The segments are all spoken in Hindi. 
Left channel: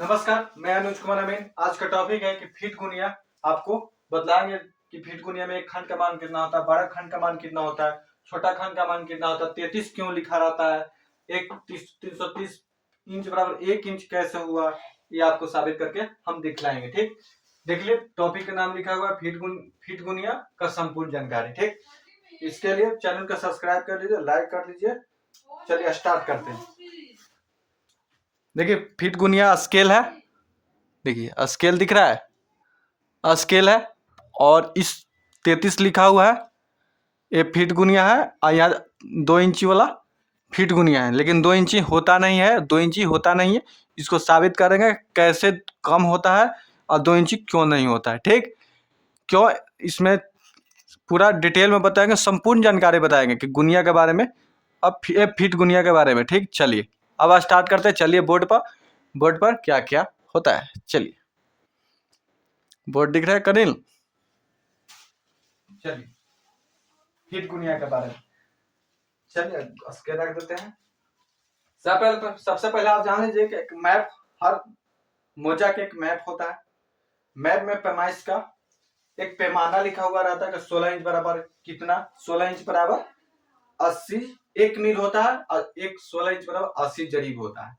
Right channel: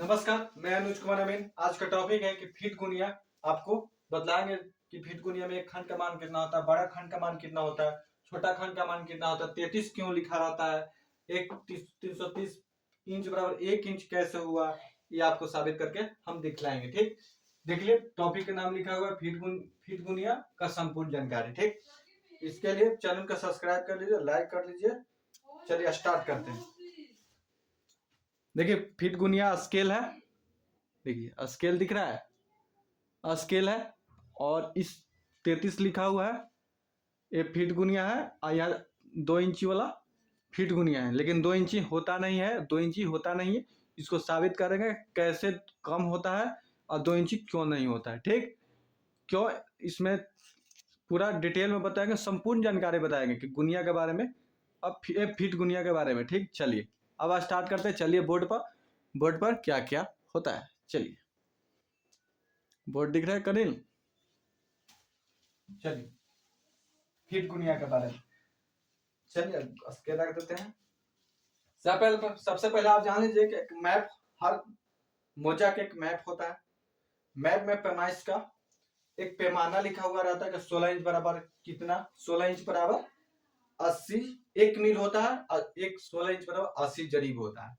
नमस्कार, मैं अनुज कुमार अमीन। आज का टॉपिक है कि फीट गुनिया। आपको बतलाएंगे कि फीट गुनिया में एक खंड का मान कितना होता है, बड़ा खंड का मान कितना होता है, छोटा खंड का मान कितना होता है, 33 क्यों लिखा रहता है, एक 330 इंच बराबर 1 इंच कैसे हुआ, ये आपको साबित करके हम दिखलाएंगे। ठीक, देख लिए टॉपिक का नाम लिखा हुआ है फीट गुनिया का संपूर्ण जानकारी। ठीक, इसके लिए चैनल को सब्सक्राइब कर लीजिए, लाइक कर लीजिए। चलिए स्टार्ट करते हैं। देखिए फीट गुनिया स्केल है, देखिए स्केल दिख रहा है, स्केल है और इस 33 लिखा हुआ है, ये फीट गुनिया है और यहाँ 2 इंची वाला फीट गुनिया है, लेकिन 2 इंची होता नहीं है, 2 इंची होता नहीं है। इसको साबित करेंगे कैसे कम होता है और 2 इंची क्यों नहीं होता है। ठीक, क्यों, इसमें पूरा डिटेल में बताएंगे, संपूर्ण जानकारी बताएंगे कि गुनिया के बारे में, अब फीट गुनिया के बारे में। ठीक, चलिए अब स्टार्ट करते हैं। चलिए बोर्ड पर क्या क्या होता है, चलिए बोर्ड दिख रहा है कनिल। चलिए फीट गुनिया के बारे में चलिए स्केल रख देते हैं। सबसे पहले आप जान लीजिए कि एक मैप, हर मोजा के एक मैप होता है। मैप में पैमाइश का एक पैमाना लिखा हुआ रहता है कि 16 इंच बराबर कितना, 16 इंच बराबर 80 1 मील होता है और एक 16 इंच बराबर 80 जरीब होता है।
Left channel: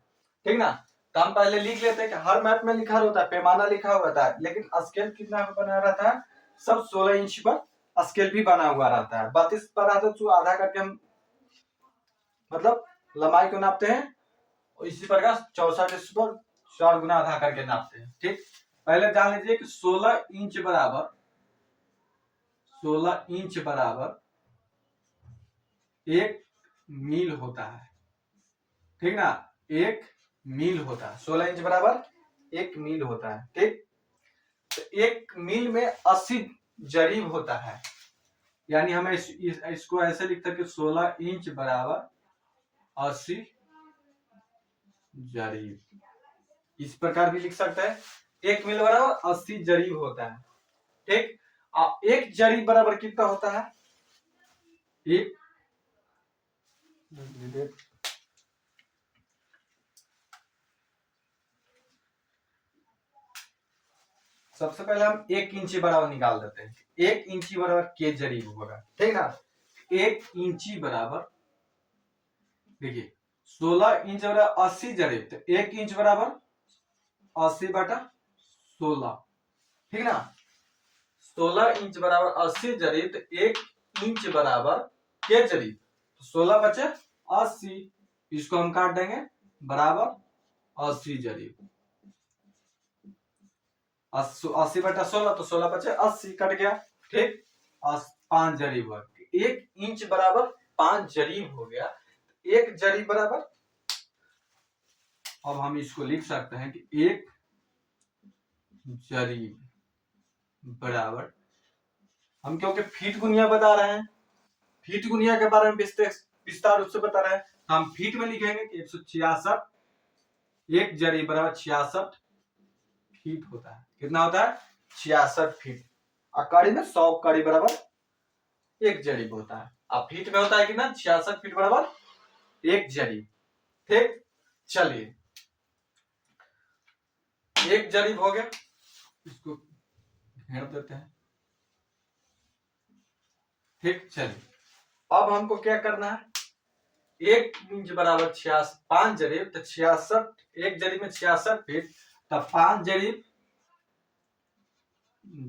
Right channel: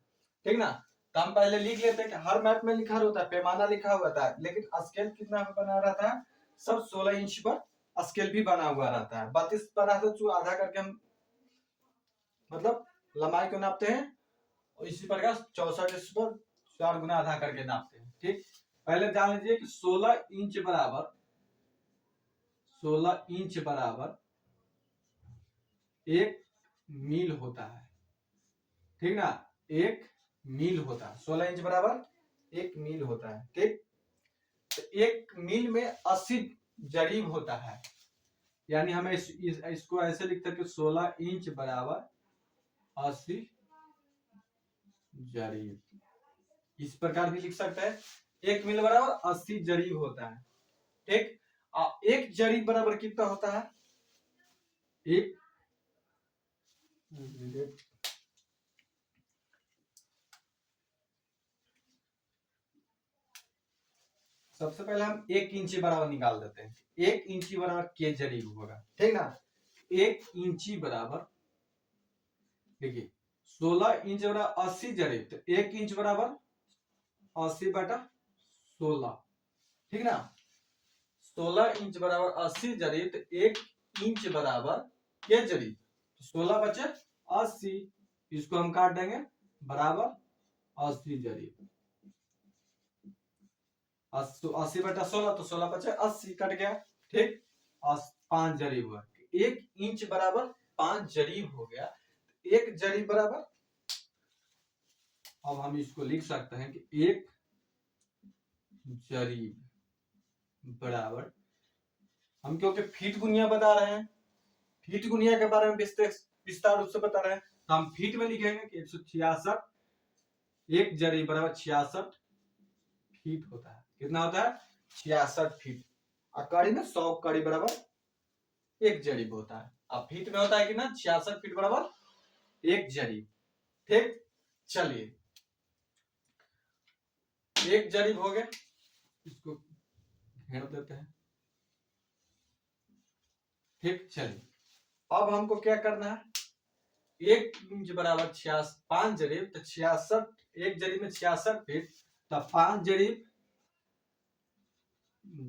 ठीक ना, तो हम पहले लिख लेते हैं कि हर मैप में लिखा होता है, पैमाना लिखा हुआ होता है, लेकिन स्केल कितना बना रहता है, सब 16 इंच पर स्केल भी बना हुआ रहता है। 32 पर आता है, आधा करके हम मतलब लंबाई को नापते हैं, और इसी प्रकार 64 इंच पर 4 गुना आधा करके नापते हैं। ठीक, पहले जान लीजिए कि 16 इंच बराबर 1 मील होता है। ठीक ना, 1 मील होता है, 16 इंच बराबर 1 मील होता है। ठीक, तो 1 मील में 80 जरीब होता है, यानी हमें इसको ऐसे लिख सकते 16 इंच बराबर 80 जरीब, इस प्रकार भी लिख सकते हैं। 1 मील बराबर 80 जरीब होता है। ठीक, और 1 जरीब बराबर कितना होता है, एक सबसे पहले हम 1 इंची बराबर निकाल देते हैं। 1 इंची बराबर के जरीब होगा। ठीक ना, 1 इंची बराबर, देखिए 16 इंच बराबर 80 जरीब, तो 1 इंच बराबर 80/16। ठीक ना, 16 इंच बराबर 80 जरीब, तो 1 इंच बराबर के जरीब, 16 बचे 80, इसको हम काट देंगे, बराबर 80 जरीब, 80/16, तो 16 बचे 80, कट गया। ठीक, 5 जरीब हुआ, 1 इंच बराबर 5 जरीब हो गया। 1 जरीब बराबर, अब हम इसको लिख सकते हैं कि 1 जरीब बराबर, हम क्योंकि फीट गुनिया बता रहे हैं, फीट गुनिया के बारे में विस्तार रूप से बता रहे हैं, तो हम फीट में लिखेंगे कि 166, 1 जरीब बराबर 66 फीट होता है। कितना होता है, 66 फीट। और कड़ी में 100 कड़ी बराबर 1 जरीब होता है। अब फीट में होता है कितना, 66 फीट बराबर 1 जरीब। ठीक, चलिए 1 जरीब हो गया, इसको घेर देते हैं। ठीक, चलिए अब हमको क्या करना है, 1 इंच बराबर 5 जरीब, तो 66, 1 जरीब में 66 फीट, तब 5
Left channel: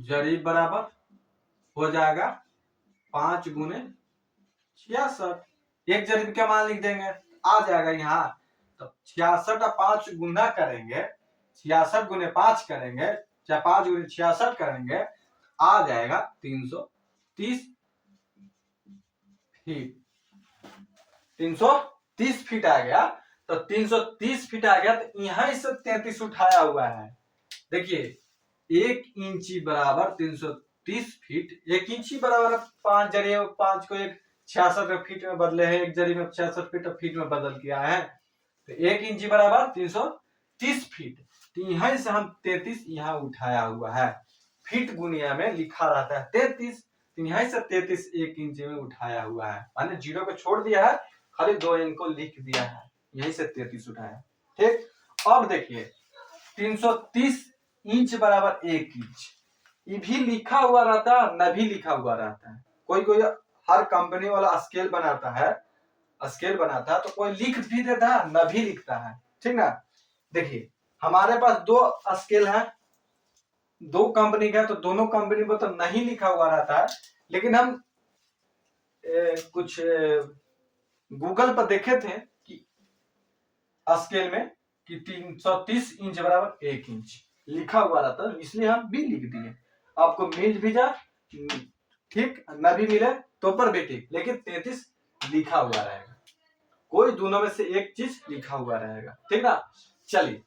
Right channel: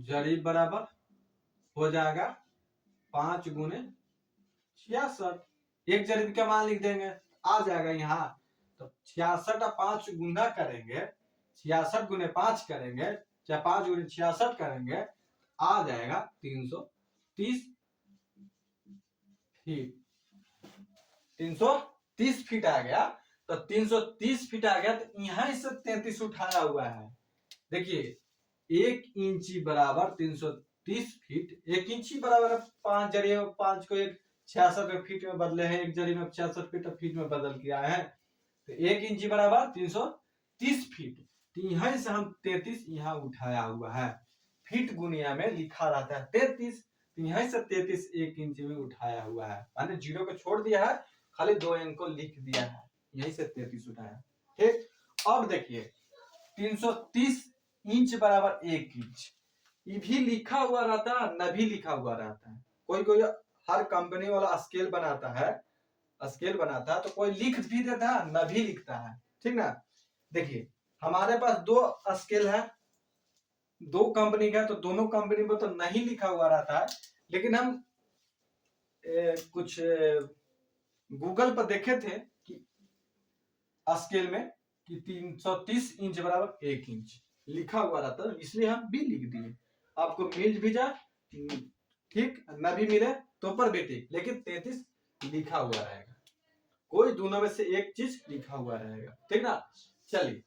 जरीब बराबर हो जाएगा 5 गुने 66। 1 जरीब का मान लिख देंगे, आ जाएगा यहाँ, तो 66 और 5 गुना करेंगे, 66 गुने 5 करेंगे, चाहे 5 गुने 66 करेंगे, आ जाएगा 330 फीट। 330 फीट आ गया, तो 330 फीट आ गया, तो यहां से 33 उठाया हुआ है। देखिए 1 इंची बराबर 330 फीट, 1 इंची बराबर 5 जरीब, 5 को 66 फीट में बदले हैं, 1 जरीब में 66 फीट में बदल किया है, तो 1 इंची बराबर 330 फीट। तो यहां से हम 33 यहाँ उठाया हुआ है। फीट गुनिया में लिखा रहता है 33, यहीं से 33 1 इंच में उठाया हुआ है, माने 0 को छोड़ दिया है, खाली 2 अंक को लिख दिया है, यहीं से 33 उठाया। ठीक, अब देखिए 330 इंच बराबर 1 इंच। ये भी लिखा हुआ रहता है, न भी लिखा हुआ रहता है। कोई कोई हर कंपनी वाला स्केल बनाता है, तो कोई लिख भी देता है, न भी लिखता है। ठीक ना। देखिए हमारे पास दो स्केल है, दो कंपनी का, तो दोनों कंपनी में तो नहीं लिखा हुआ रहता है, लेकिन हम कुछ गूगल पर देखे थे कि स्केल में कि 330 इंच बराबर 1 इंच लिखा हुआ रहता है, इसलिए हम भी लिख दिए। आपको मिल भी जाए ठीक, न भी मिले तो पर भी ठीक, लेकिन 33 लिखा हुआ रहेगा। कोई दोनों में से एक चीज लिखा हुआ रहेगा। ठीक ना। चलिए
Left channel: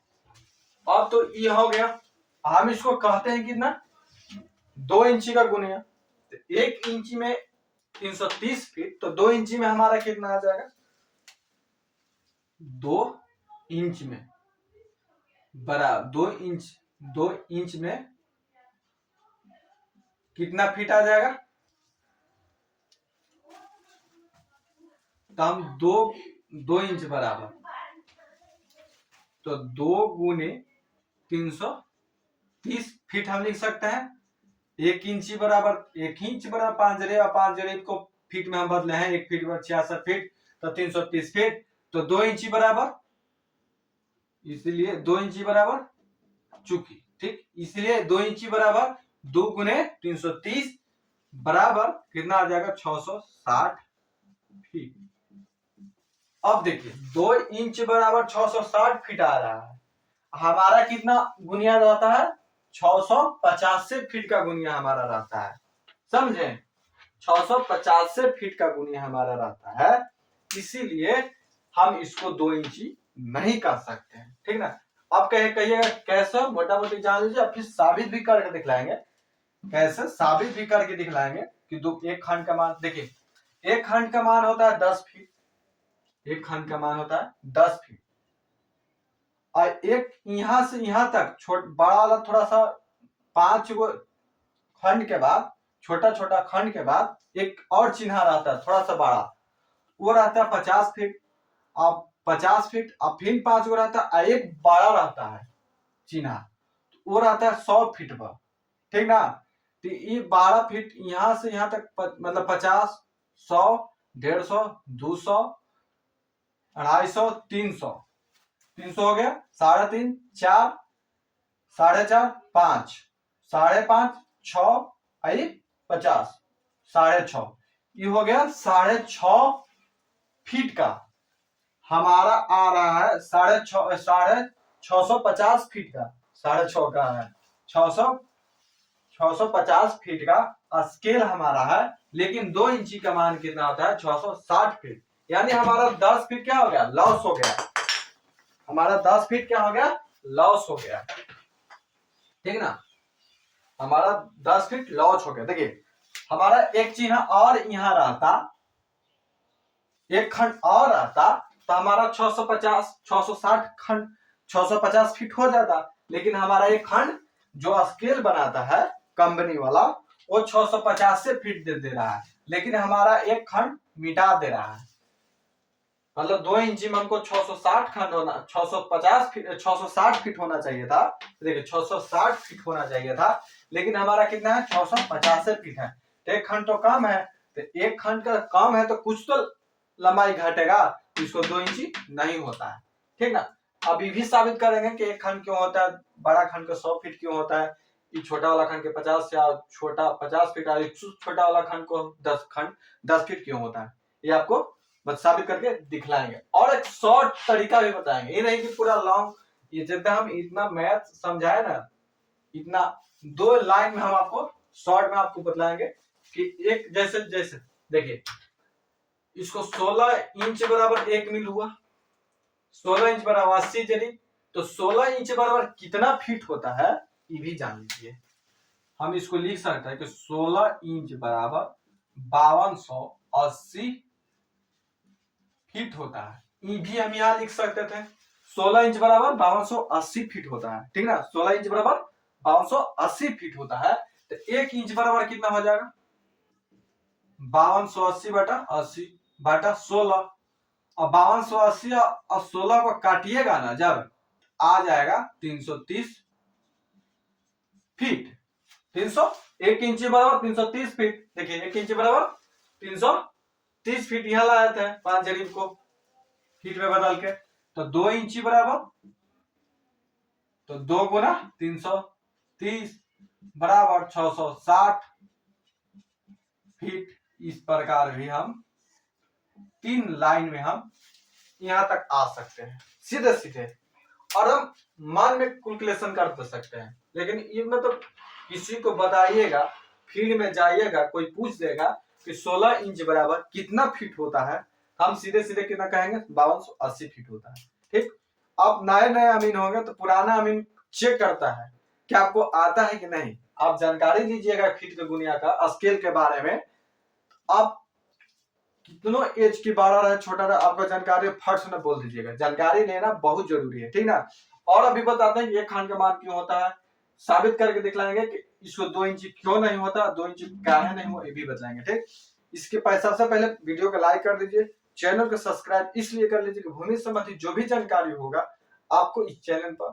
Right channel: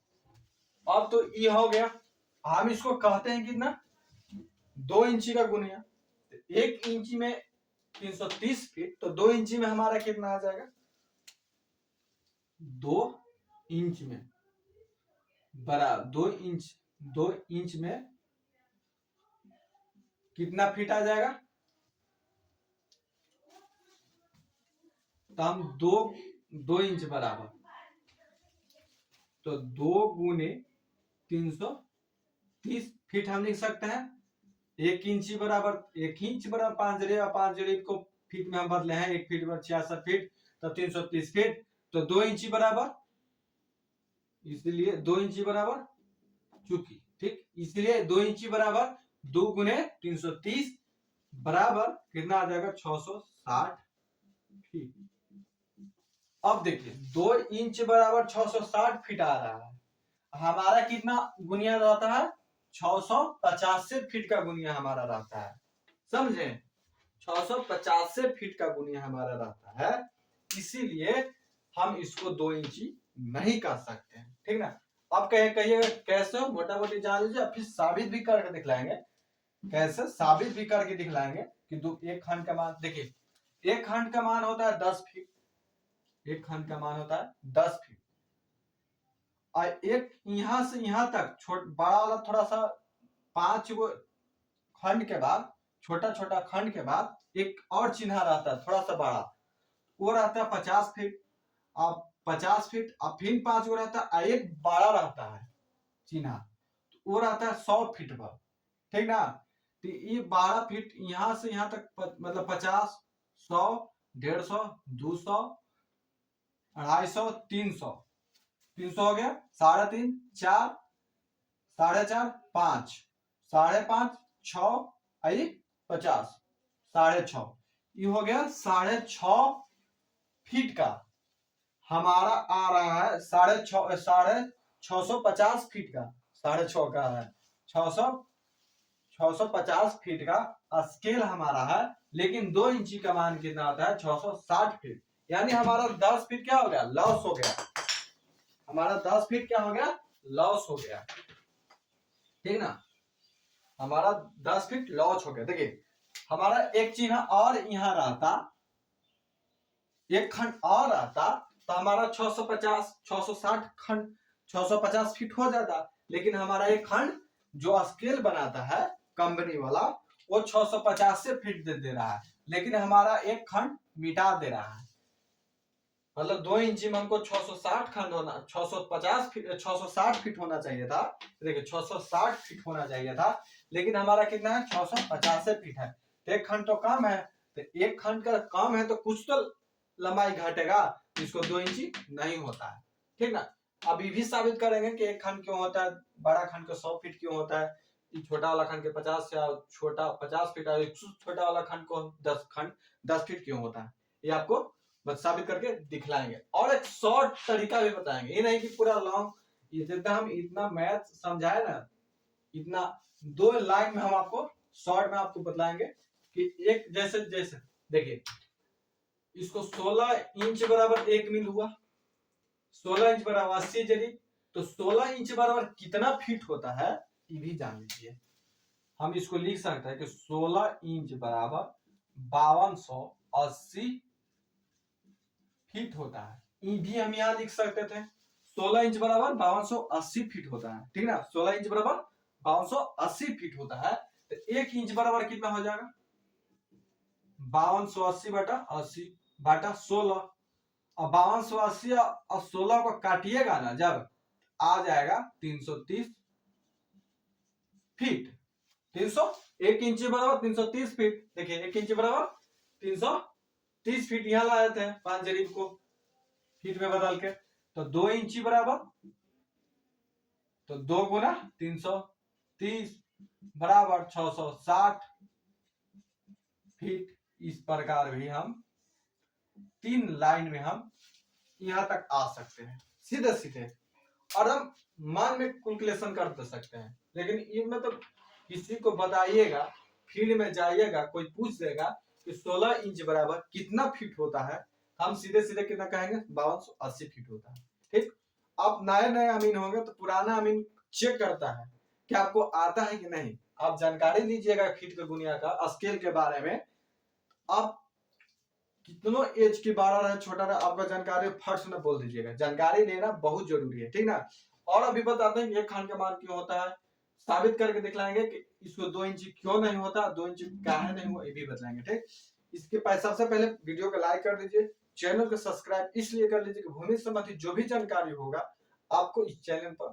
अब तो ये हो गया। हम इसको कहते हैं कितना, 2 इंची का गुणिया। तो 1 इंची में 330 फीट, तो 2 इंची में हमारा कितना आ जाएगा, 2 इंच में बराबर 2 इंच में कितना फीट आ जाएगा, तो हम 2 इंच बराबर, तो 2 गुने 330 फीट हम लिख सकते हैं। 1 इंची बराबर 1 इंच बराबर 5 जरीब, 5 जरीब को फीट में हम बदले हैं, 1 फीट बराबर 66 फीट, तो 330 फीट, तो 2 इंची बराबर, इसलिए 2 इंची बराबर चुकी, ठीक, इसलिए 2 इंची बराबर 2 गुने 330 बराबर कितना आ जाएगा, 660 फीट। अब देखिए 2 इंच बराबर 660 फीट आ रहा है, हमारा कितना गुनिया रहता है, 650 फीट का गुनिया हमारा रहता है। समझे, 650 फीट का गुनिया हमारा रहता है, इसीलिए हम इसको 2 इंची नहीं कर सकते हैं। ठीक ना। अब कहिएगा कैसे, मोटा मोटी जान लीजिए, फिर साबित भी करके दिखलाएंगे। कैसे साबित भी करके दिखलाएंगे कि एक खंड का मान, देखिए एक खंड का मान होता है 10 फीट, एक खंड का मान होता है 10 फीट, और एक यहां से यहां तक बड़ा वाला थोड़ा सा 5 गो खंड के बाद, छोटा छोटा खंड के बाद एक और चिन्ह रहता है थोड़ा सा बड़ा, वो रहता है 50 फीट। अब 50 फीट, अब फिर 5 गो रहता है, एक बड़ा रहता है चिन्ह, वो रहता है 100 फीट पर। ठीक ना। तो ये 12 फीट यहां से यहां तक मतलब 50, 100, 150, 200, 250, 300, 300 हो गया, 3.5, 4, 4.5, 5, 5.5, 6, 50, 6.5, ये हो गया 6.5 फीट का हमारा आ रहा है, 650 फीट का, 6.5 का है, 650 फीट का स्केल हमारा है। लेकिन 2 इंची का मान कितना होता है, 660 फीट, यानी हमारा 10 फीट क्या हो गया, लॉस हो गया, हमारा 10 फीट क्या हो गया, लॉस हो गया। ठीक ना, हमारा 10 फीट लॉस हो गया। देखिए हमारा एक चिन्ह और यहां रहता, एक खंड और रहता, तो हमारा 650, 660 खंड 650 फीट हो जाता, लेकिन हमारा एक खंड जो स्केल बनाता है कंपनी वाला, वो 650 से फीट दे रहा है, लेकिन हमारा एक खंड मिटा दे रहा है। मतलब 2 इंची में हमको 660 खंड होना, 650 फीट, 660 फीट होना चाहिए था। देखिए 660 फीट होना चाहिए था, लेकिन हमारा कितना है, 650 फीट है। एक खंड तो कम है, तो एक खंड का कम है तो कुछ तो लंबाई घटेगा, इसको 2 इंची नहीं होता है। ठीक ना। अभी भी साबित करेंगे कि एक खंड क्यों होता है, बड़ा खंड का 100 फीट क्यों होता है, ये छोटा वाला खंड के 50 या छोटा 50 फीट, छोटा वाला खंड को 10 फीट क्यों होता है, ये आपको बस साबित करके दिखलाएंगे। और एक शॉर्ट तरीका भी बताएंगे, ये नहीं कि पूरा लॉन्ग, ये जब हम इतना मैथ समझाए ना, इतना 2 लाइन में हम आपको शॉर्ट में आपको बताएंगे कि एक जैसे जैसे देखिए इसको 16 इंच बराबर 1 मील हुआ, 16 इंच बराबर 80 जरीब, तो 16 इंच बराबर कितना फीट होता है ये भी जान लीजिए। हम इसको लिख सकते हैं कि 16 इंच बराबर 5280 फीट होता है, ये भी हम यहाँ लिख सकते थे। 16 इंच बराबर 5280 फीट होता है। ठीक ना, 16 इंच बराबर 5280 फीट होता है, तो 1 इंच बराबर कितना हो जाएगा, 5280 बटा 80 बटा 16, और 5280 और 16 को काटिएगा ना जब, आ जाएगा 330 फीट। 300 1 इंची बराबर 330 फीट। देखिए 1 इंची बराबर 330 फीट यहाँ ला जाते हैं 5 जरीब को फीट में बदल के। तो 2 इंची बराबर, तो 2 गुना 330 बराबर 660 फीट। इस प्रकार भी हम 3 लाइन में हम यहां तक आ सकते हैं सीधे सीधे। और हम मान में कैलकुलेशन कर तो सकते हैं, लेकिन इनमें तो किसी को बताइएगा, फील्ड में जाइएगा, कोई पूछ देगा कि 16 इंच बराबर कितना फीट होता है, हम सीधे सीधे कितना कहेंगे 5280 फीट होता है। ठीक, अब नए नए अमीन होंगे तो पुराना अमीन चेक करता है कि आपको आता है कि नहीं। आप जानकारी लीजिएगा फीट के गुनिया का स्केल के बारे में। आप कितनों एज की बड़ा रहे छोटा रहे, आपको जानकारी फट से बोल दीजिएगा। जानकारी लेना बहुत जरूरी है, ठीक ना। और अभी बताते हैं कि एक खंड का मान क्यों होता है, साबित करके दिखलाएंगे कि इसको 2 इंची क्यों नहीं होता, 2 इंची काहे नहीं हुआ, ये भी बताएंगे। ठीक, इसके सबसे पहले वीडियो को लाइक कर दीजिए, चैनल को सब्सक्राइब इसलिए कर लीजिए कि भूमि संबंधी जो भी जानकारी होगा आपको इस चैनल पर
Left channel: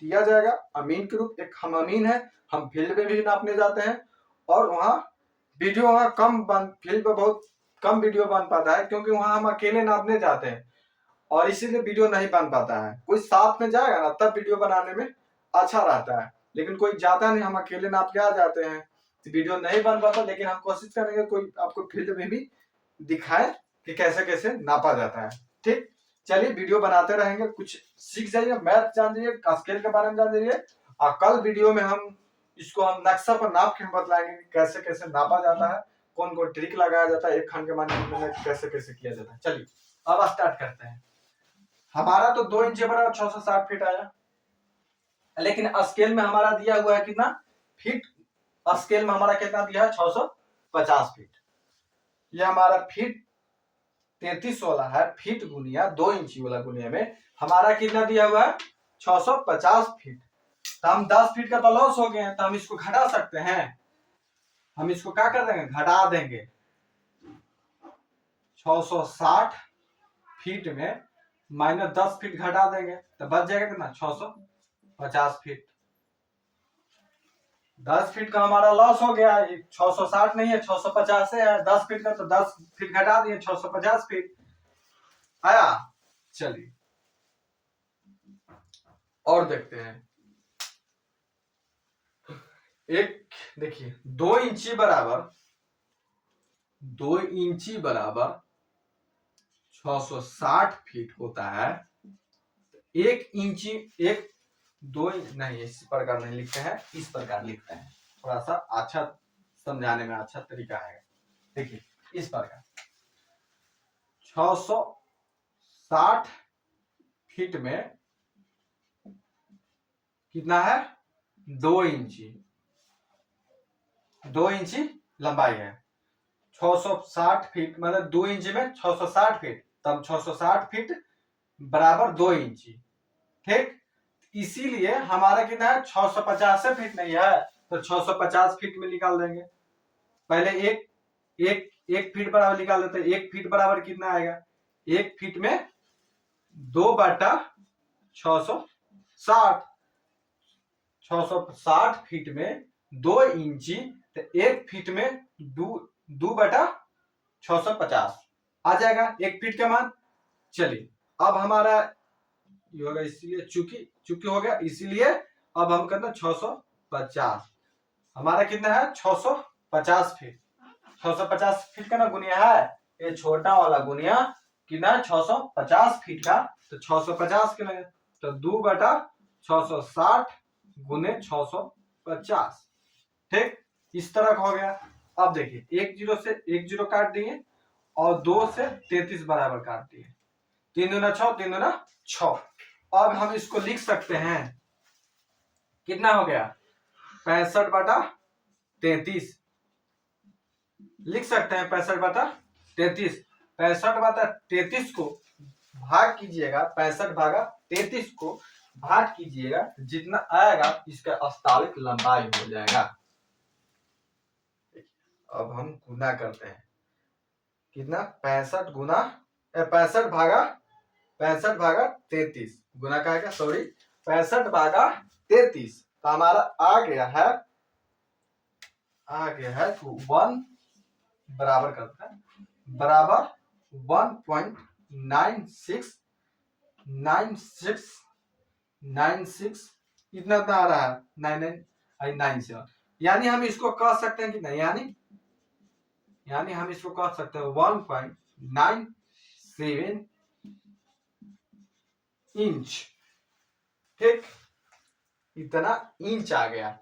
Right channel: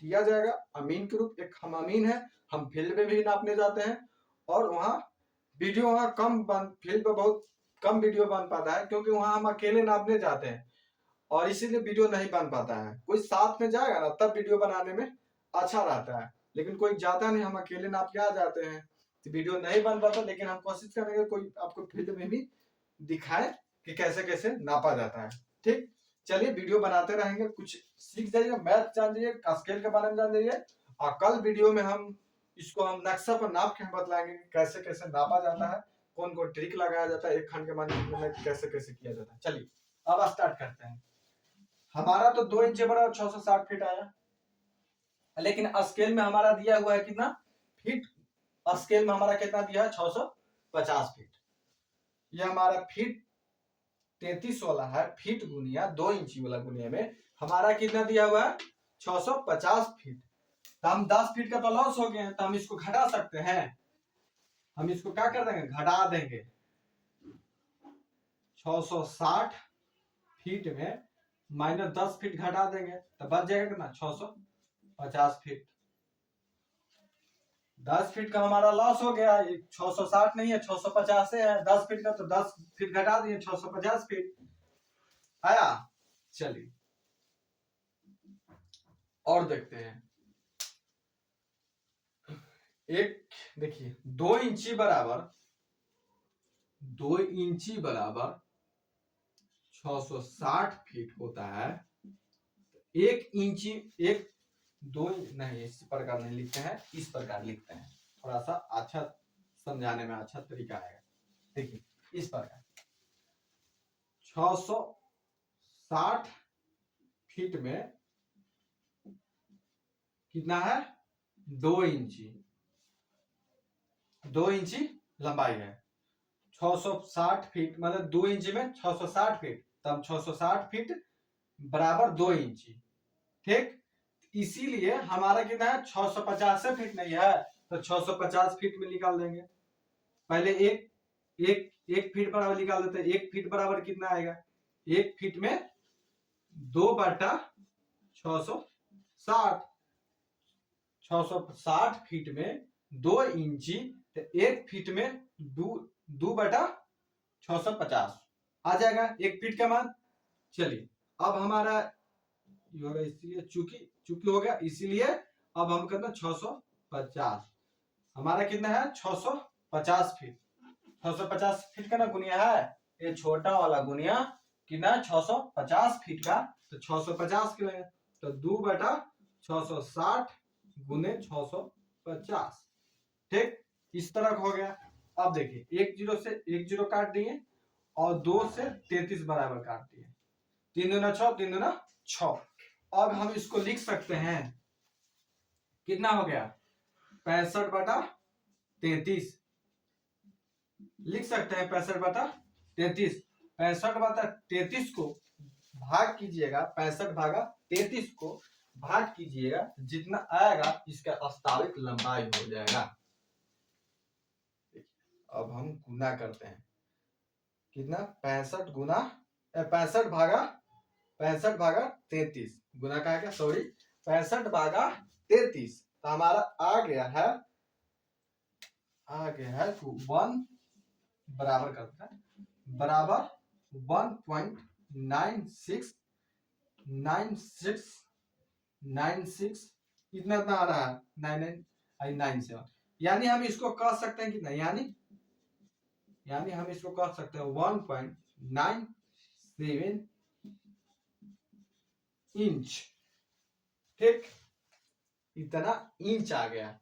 दिया जाएगा। अमीन के रूप एक हम अमीन है, हम फील्ड में भी नापने जाते हैं और वहाँ वीडियो वहाँ कम फील्ड पर बहुत कम वीडियो बन पाता है, क्योंकि वहां हम अकेले नापने जाते हैं और इसीलिए वीडियो नहीं बन पाता है। कोई साथ में जाएगा ना तब वीडियो बनाने में अच्छा रहता है, लेकिन कोई जाता नहीं, हम अकेले नाप के आ जाते हैं तो वीडियो नहीं बन पाता। लेकिन हम कोशिश करेंगे कोई आपको फील्ड में भी दिखाए कि कैसे कैसे नापा जाता है। ठीक, चलिए वीडियो बनाते रहेंगे, कुछ सीख जाइए, मैथ जान जाइए, स्केल के बारे में जान जाइए। और कल वीडियो में हम इसको हम नक्शा पर नाप के बतलाएंगे कैसे कैसे नापा जाता है, कौन कौन ट्रिक लगाया जाता है, एक खंड के मान में कैसे कैसे किया जाता है। चलिए अब स्टार्ट करते हैं। हमारा तो 2 इंच बराबर 660 फीट आया, लेकिन स्केल में हमारा दिया हुआ है कितना फीट, स्केल में हमारा कितना दिया है 650 फीट। ये हमारा फीट 33 वाला है, फीट गुनिया 2 इंची वाला गुनिया में हमारा कितना दिया हुआ है 650 फीट। तो हम 10 फीट का तो लॉस हो गए हैं, तो हम इसको घटा सकते हैं। हम इसको क्या कर देंगे, घटा देंगे। 660 फीट में माइनस 10 फीट घटा देंगे तो बच जाएगा कितना 650 फीट। 10 फीट का हमारा लॉस हो गया, 660 नहीं है 650 है, 10 फीट का तो 10 फीट घटा दिए 650 फीट आया। चलिए और देखते हैं। एक देखिए 2 इंची बराबर 660 फीट होता है। 1 इंची एक 2 नहीं, इस प्रकार नहीं लिखते हैं, इस प्रकार लिखते हैं, थोड़ा सा अच्छा समझाने में अच्छा तरीका है। देखिए इस प्रकार 660 फीट में कितना है 2 इंची, 2 इंची लंबाई है। 660 फीट मतलब 2 इंची में 660 फीट, तब 660 फीट बराबर 2 इंची। ठीक, इसीलिए हमारा कितना है 650 फीट नहीं है तो 650 फीट में निकाल देंगे। पहले एक फीट बराबर निकाल देते हैं। 1 फीट बराबर कितना आएगा, 1 फीट में 2/660, 660 फीट में 2 इंची तो 1 फीट में 2/650 आ जाएगा 1 फीट का मान। चलिए अब हमारा ये होगा, इसीलिए चूंकि हो गया, इसीलिए अब हम करना 650। हमारा कितना है 650 फीट। 650 फीट का ना गुनिया है, ये छोटा वाला गुनिया कितना 650 फीट का, तो 650 के लगे तो 2/660 गुने 650। ठीक, इस तरह का हो गया। अब देखिए 1 जीरो से 1 जीरो काट दिए और 2 से 33 बराबर काट दिए, 3 दूना 6, 3 दूना 6। अब हम इसको लिख सकते हैं, कितना हो गया 65/33 लिख सकते हैं। 65/33, 65/33 को भाग कीजिएगा, 65/33 को भाग कीजिएगा, जितना आएगा इसका वास्तविक लंबाई हो जाएगा। अब हम गुना करते हैं, कितना 65 गुना 65/33 गुना का आएगा, सॉरी 65 भागा 33, तो हमारा आ गया है 1 बराबर करता है बराबर 1.9696 इतना आ रहा है 9997। यानी हम इसको कह सकते हैं कि नहीं, यानी हम इसको कह सकते हैं 1.97 इंच। ठीक, इतना इंच आ गया।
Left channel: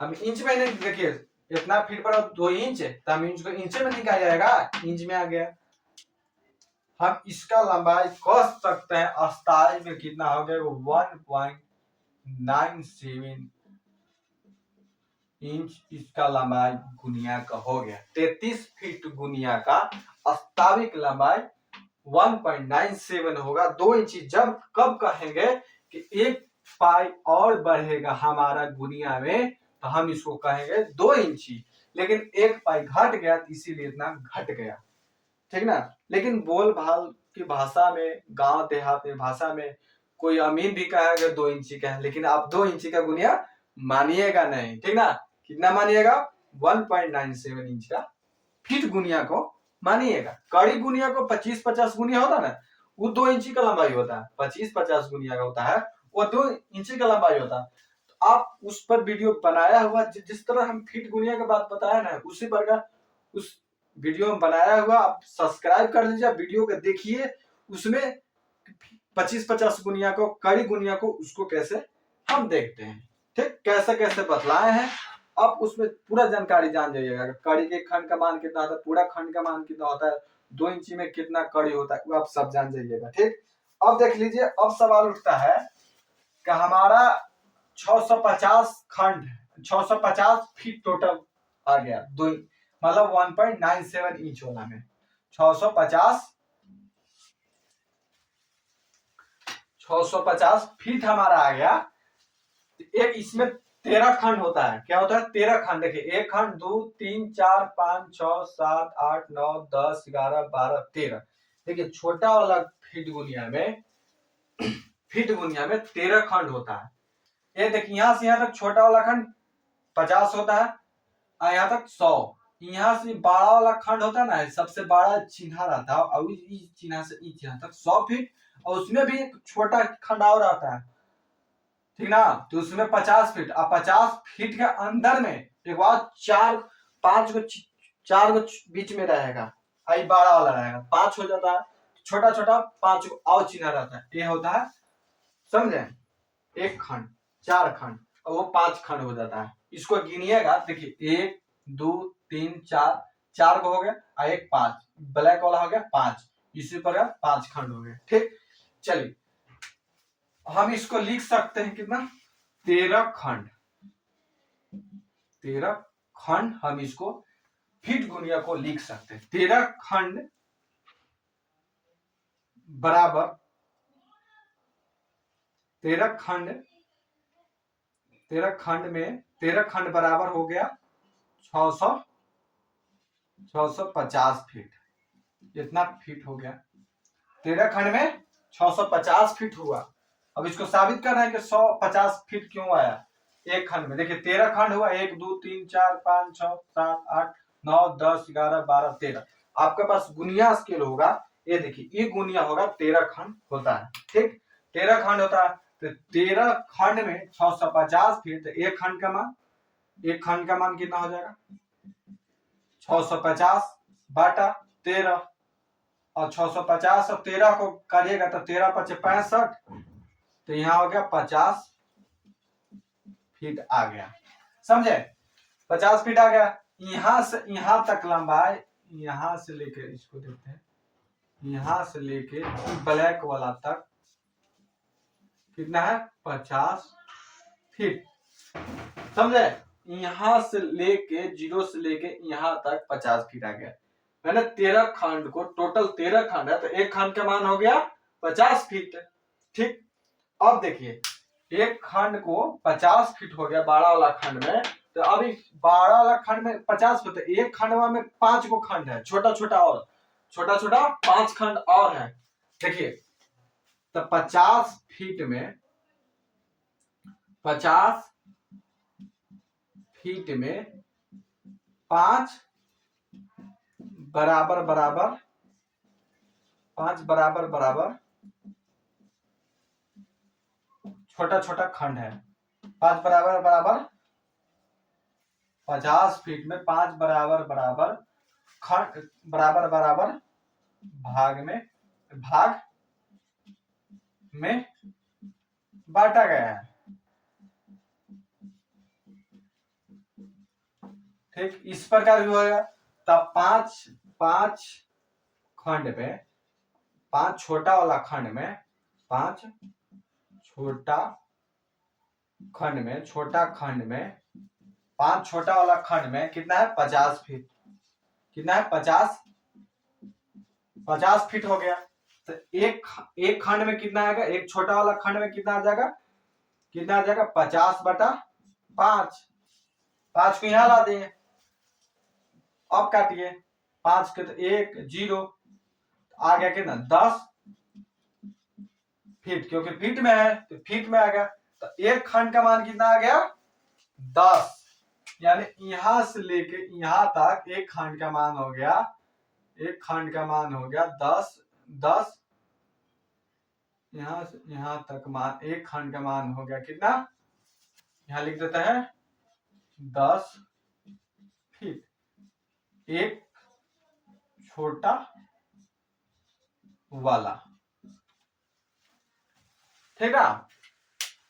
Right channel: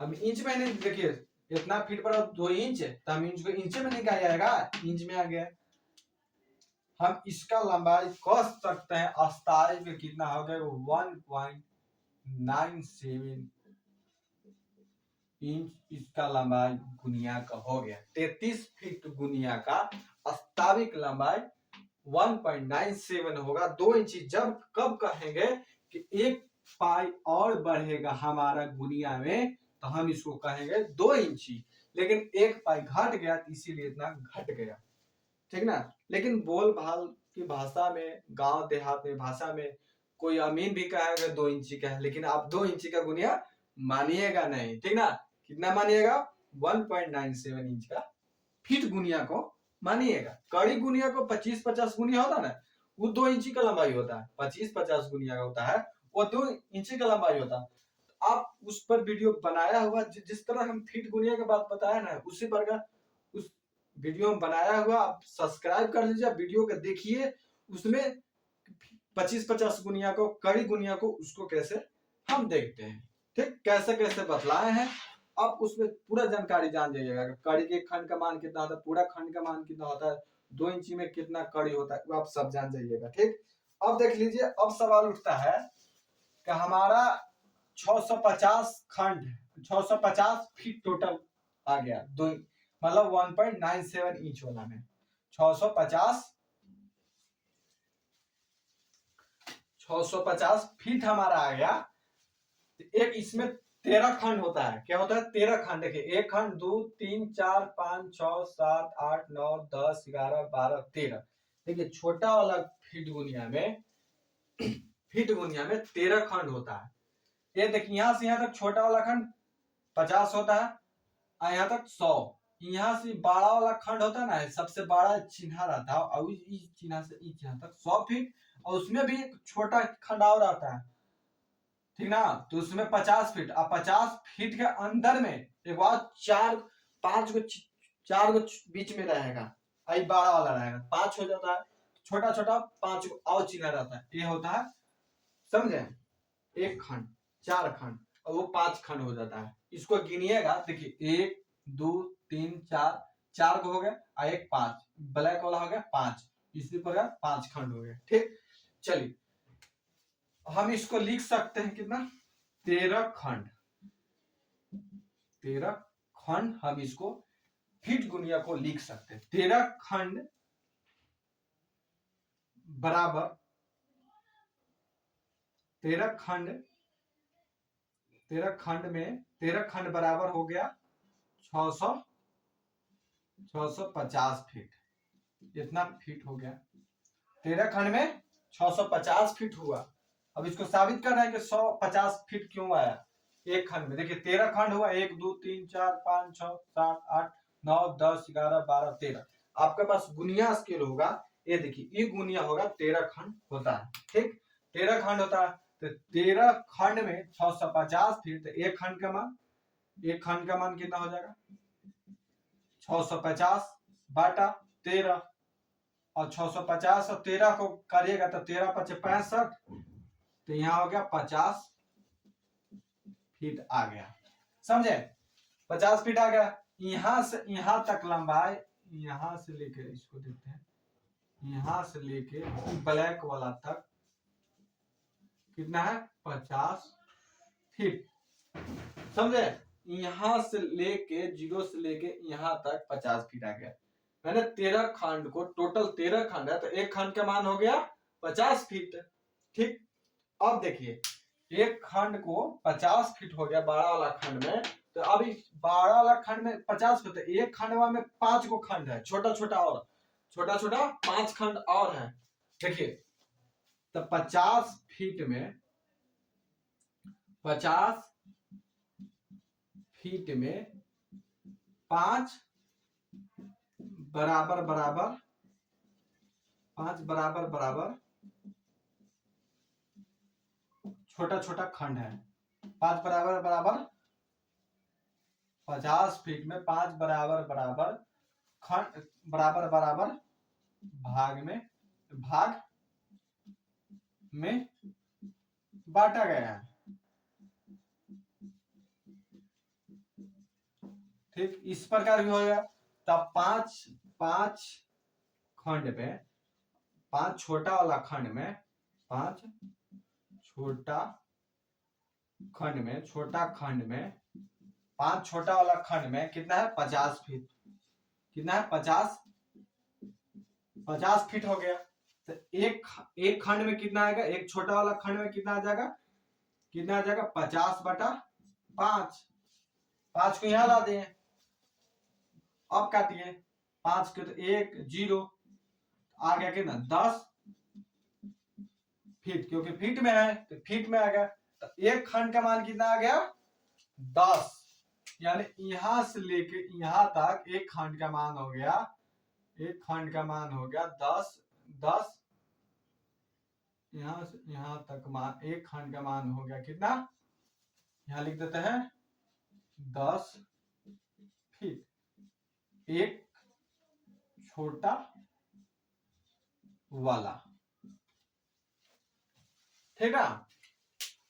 हम इंच में नहीं, देखिए इतना फीट पर 2 इंच है, तो हम इंच को इंच में निकाल जाएगा, इंच में आ गया। हम इसका लंबाई कह सकते हैं अस्थाई में कितना हो गया, 1.97 इंच इसका लंबाई गुनिया का हो गया। 33 फीट गुनिया का वास्तविक लंबाई 1.97 होगा। 2 इंच जब कब कहेंगे कि 1 पाई और बढ़ेगा हमारा गुनिया में, तो हम इसको कहेंगे 2 इंची। लेकिन 1 पाई घट गया तो इसीलिए इतना घट गया, ठीक ना। लेकिन बोल भाल की भाषा में, गांव देहात में भाषा में कोई अमीन भी कहेगा 2 इंची का है, लेकिन आप 2 इंची का गुनिया मानिएगा नहीं, ठीक ना। कितना मानिएगा, 1.97 इंच का फीट गुनिया को मानिएगा। कड़ी गुनिया को 25-50 गुनिया होता है ना, वो 2 इंची का लंबाई होता है। 25-50 गुनिया का होता है, वो 2 इंची का लंबाई होता है। तो आप उस पर वीडियो बनाया हुआ, जिस तरह हम फीट गुनिया की बात बताया ना, उसी प्रकार उस वीडियो में बनाया हुआ आप सब्सक्राइब कर लीजिए, वीडियो को देखिए। उसमें 25-50 गुनिया को, कड़ी गुनिया को, उसको कैसे हम देखते हैं, ठीक, कैसे कैसे बतलाए हैं। आप उसमें पूरा जानकारी जान जाइएगा। कड़ी के खंड का मान कितना होता है, पूरा खंड का मान कितना होता है, 2 इंची में कितना कड़ी होता है, वो आप सब जान जाइएगा। ठीक, अब देख लीजिए, अब सवाल उठता है कि हमारा 650 खंड, 650 फीट टोटल आ गया, दो मतलब 1.97 इंच वाला में 650 फीट हमारा आ गया। एक इसमें 13 खंड होता है। क्या होता है, 13 खंड। देखिए, 1 खंड, 2, 3, 4, 5, 6, 7, 8, 9, 10, 11, 12, 13। देखिए, छोटा वाला फीट गुनिया में 13 खंड होता है। ये देखिए, यहां से यहां तक छोटा वाला खंड 50 होता है, और यहाँ तक 100। यहाँ से बड़ा वाला खंड होता है ना, सबसे बड़ा चिन्ह रहता है, और इस चिन्ह से इस चिन्ह तक 100 फीट, और उसमें भी एक छोटा खंड और आता है, ठीक ना। तो उसमें 50 फीट, और 50 फीट के अंदर में एक बार 4-5 गो बीच में रहेगा, आई बड़ा वाला रहेगा, 5 हो जाता है, छोटा छोटा 5 गो और चिन्ह रहता है। ये होता है, समझे, 1 खंड, 4 खंड, और वो 5 खंड हो जाता है। इसको गिनिएगा, देखिए 1, 2, 3, 4 को हो गया, और 1 5, ब्लैक वाला हो गया 5, इसी प्रकार 5 खंड हो गए। ठीक, चलिए हम इसको लिख सकते हैं कितना, 13 खंड। 13 खंड हम इसको फीट गुनिया को लिख सकते हैं। 13 खंड बराबर 13 खंड बराबर हो गया 650 फीट। इतना फीट हो गया, 13 खंड में 650 फीट हुआ। अब इसको साबित करना है कि 150 फीट क्यों आया एक खंड में। देखिए, 13 खंड हुआ, 1, 2, 3, 4, 5, 6, 7, 8, 9, 10, 11, 12, 13। आपके पास गुनिया स्केल होगा, ये देखिए, ये गुनिया होगा, 13 खंड होता है। ठीक, 13 खंड होता है, तो 13 खंड में 650 फीट, तो एक खंड का मान कितना हो जाएगा, 650 बाटा 13, और 650 और 13 को करिएगा तो 13 × 5 = 65, तो यहाँ हो गया 50 फीट आ गया, समझे, 50 फीट आ गया। यहां से यहां तक लंबाई, यहां से लेकर, इसको देखते हैं, यहां से लेके ब्लैक वाला तक कितना है, 50 फीट, समझे। यहां से लेके, जीरो से लेके यहां तक 50 फीट आ गया। मैंने 13 खंड को, टोटल 13 खंड है, तो एक खंड का मान हो गया 50 फीट। ठीक, अब देखिए, एक खंड को 50 फीट हो गया बड़ा वाला खंड में, तो अभी बड़ा वाला खंड में 50 फीट, एक खंड में 5 गो खंड है, छोटा छोटा 5 खंड और है। देखिए, तो 50 फीट में 50 फीट में 5 बराबर बराबर 5 बराबर बराबर छोटा छोटा खंड है। 5 बराबर बराबर 50 फीट में 5 बराबर बराबर खंड बराबर बराबर भाग में बांटा गया है। ठीक, इस प्रकार भी होगा। तब 5 खंड में 5 छोटा वाला खंड में 5 छोटा खंड में 5 छोटा वाला खंड में कितना है 50 फीट। कितना है 50 फीट हो गया। तो एक खंड में कितना आएगा, एक छोटा वाला खंड में कितना आ जाएगा, 50/5। 5 को यहां ला दिए, अब काटिए 5 के तो 1 0 आ गया कितना 10 फीट, क्योंकि फीट में है तो फीट में आ गया। तो एक खंड का मान कितना आ गया 10, यानी यहां से लेके यहां तक एक खंड का मान हो गया 10। यहां से यहां तक मान एक खंड का मान हो गया कितना, यहां लिख देते हैं 10 फीट। एक छोटा वाला, ठीक है।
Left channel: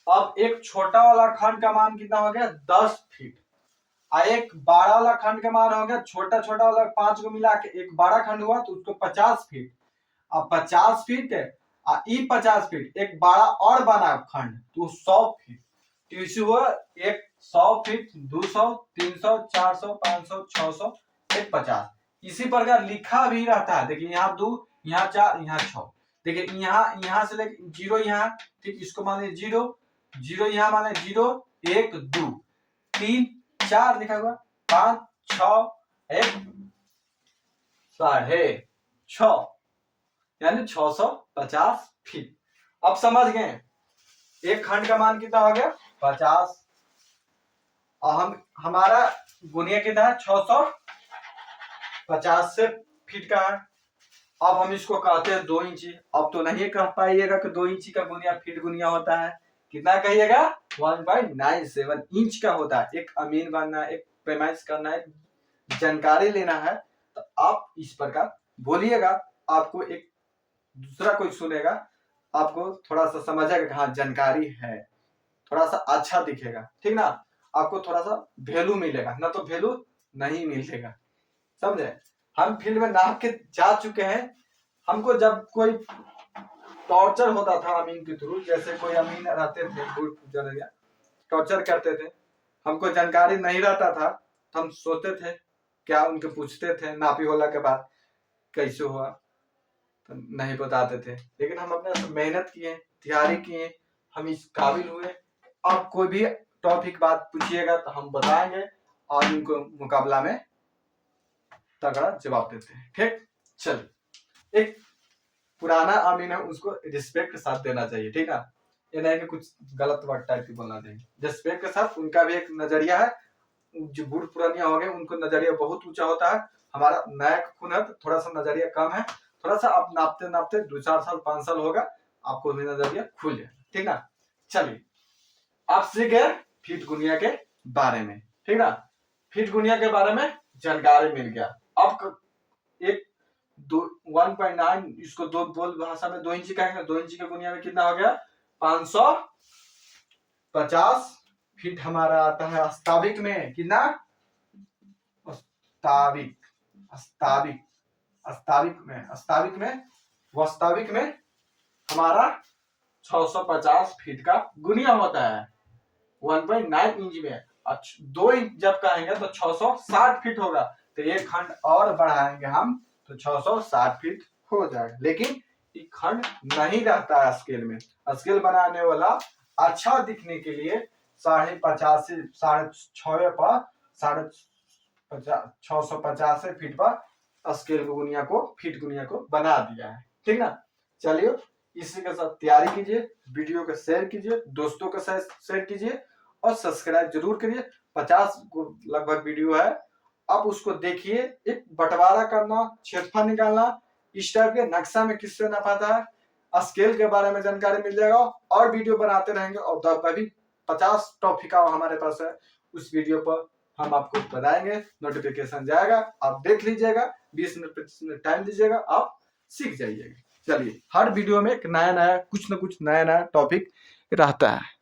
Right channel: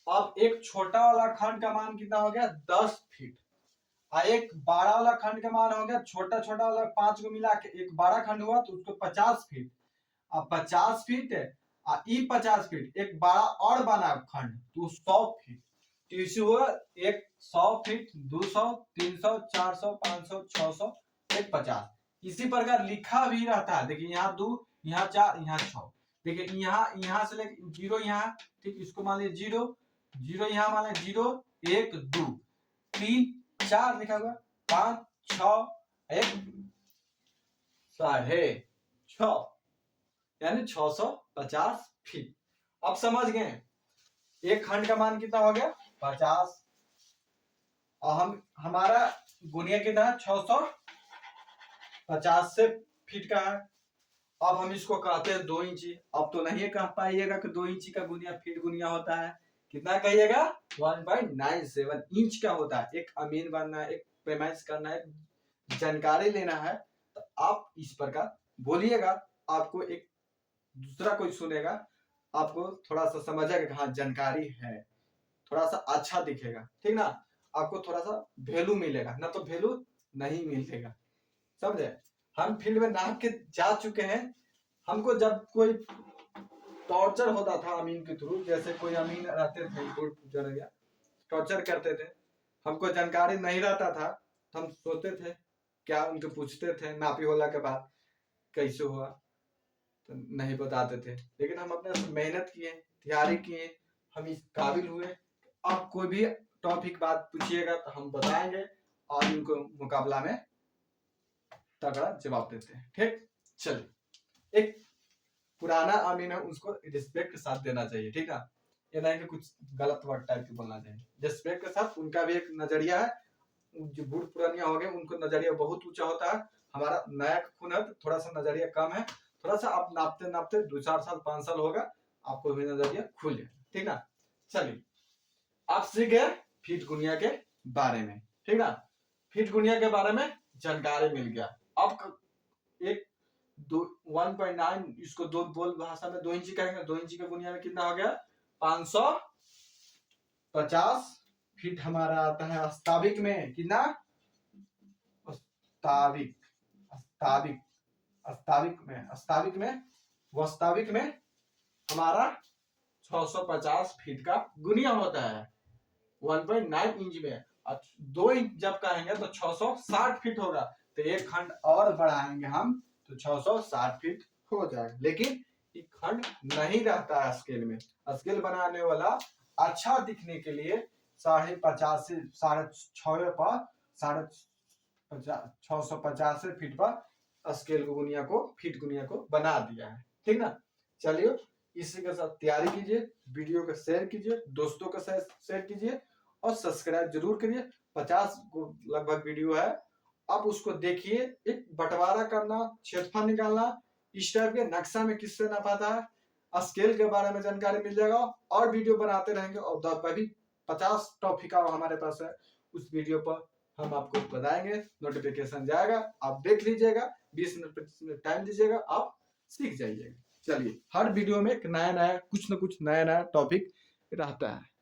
अब एक छोटा वाला खंड का मान कितना हो गया 10 फीट, और एक बड़ा वाला खंड का मान हो गया, छोटा छोटा वाला 5 को मिला के एक बड़ा खंड हुआ तो उसको 50 फीट। अब 50 फीट है 50 फीट, एक बड़ा और बना खंड तो 100 फीट। तो इसी हुआ एक 100 फीट, 200, 300, 400, 500, 600, एक 50। इसी प्रकार लिखा भी रहता है। देखिए यहाँ 2, यहाँ 4, यहाँ 6। देखिए यहाँ से लेके 0 यहाँ, ठीक, इसको मान लीजिए 0 0, यहाँ मान लीजिए 0 1 2 3 4 लिखा हुआ, 5 6 1 6.5, यानी 650 फीट। अब समझ गए एक खंड का मान कितना हो गया 50, और हमारा गुनिया कितना है 650 से फीट का है। अब हम इसको कहते हैं 2 इंची। अब तो नहीं कह पाइएगा कि 2 इंची का गुनिया फीट गुनिया होता है। कितना कहिएगा 1.97 इंच का होता है। एक अमीन बनना है, एक पैमाइश करना है, जानकारी लेना है, तो आप इस प्रकार बोलिएगा। आपको एक दूसरा कोई सुनेगा, आपको थोड़ा सा समझेगा कि हाँ जानकारी है, थोड़ा सा अच्छा दिखेगा, ठीक ना। आपको थोड़ा सा वैल्यू मिलेगा, ना तो वैल्यू नहीं मिलेगा, समझे। हम फील्ड में नाप के जा चुके हैं। हमको जब कोई टॉर्चर होता था अमीन के थ्रू, जैसे कोई अमीन रहते थे टॉर्चर करते थे, हमको जानकारी नहीं रहता था तो हम सोचते थे क्या, उनके पूछते थे नापी होला के बाद कैसे हुआ, तो नहीं बताते थे। लेकिन हम अपने मेहनत किए, तैयारी किए, हम इस काबिल हुए। अब कोई भी टॉपिक बात पूछिएगा तो हम बताएंगे और उनको मुकाबला में तगड़ा जवाब देते हैं, ठीक। चल, एक पुराना अमीन है उसको रिस्पेक्ट के साथ देना चाहिए, ठीक है। ये नहीं कि कुछ गलत वर्ड टाइप की बोलना चाहिए, रिस्पेक्ट के साथ। उनका भी एक नजरिया है, जो बूढ़ पुरानिया हो गए उनको नजरिया बहुत ऊंचा होता है। हमारा नया खून है तो थोड़ा सा नजरिया कम है, थोड़ा सा आप नापते नापते 2-4 साल 5 साल होगा, आपको भी नजरिया खुल जाए, ठीक ना। चलिए, आप सीख गए फीट गुनिया के बारे में, ठीक ना। फीट गुनिया के बारे में जानकारी मिल गया। अब एक 1.9 इसको दो बोल भाषा में 2 इंची कहेंगे। 2 इंची के गुनिया में कितना हो गया 550 फीट हमारा आता है। अस्ताविक में कितना, वास्तविक में हमारा 650 फीट का गुनिया होता है 1.9 इंच में। 2 इंच जब कहेंगे तो 660 फीट होगा। तो ये खंड और बढ़ाएंगे हम तो 660 फीट हो जाएगा। लेकिन ये खंड नहीं रहता है स्केल में। स्केल बनाने वाला अच्छा दिखने के लिए 5.50 6.5 पर 650 फीट पर स्केल गुनिया को फीट गुनिया को बना दिया है, ठीक ना। चलिए, इसी के साथ तैयारी कीजिए, वीडियो को शेयर कीजिए, दोस्तों के साथ शेयर कीजिए और सब्सक्राइब जरूर करिए। 50 को लगभग वीडियो है, आप उसको देखिए। एक बंटवारा करना, क्षेत्रफल निकालना, इस टाइप के नक्शा में किससे ना पाता है, स्केल के बारे में जानकारी मिल जाएगा और वीडियो बनाते रहेंगे। और अभी 50 टॉपिक हमारे पास है, उस वीडियो पर हम आपको बताएंगे, नोटिफिकेशन जाएगा, आप देख लीजिएगा, 20 मिनट 25 मिनट टाइम दीजिएगा, आप सीख जाइएगा। चलिए, हर वीडियो में एक नया नया कुछ न कुछ नया नया टॉपिक रहता है।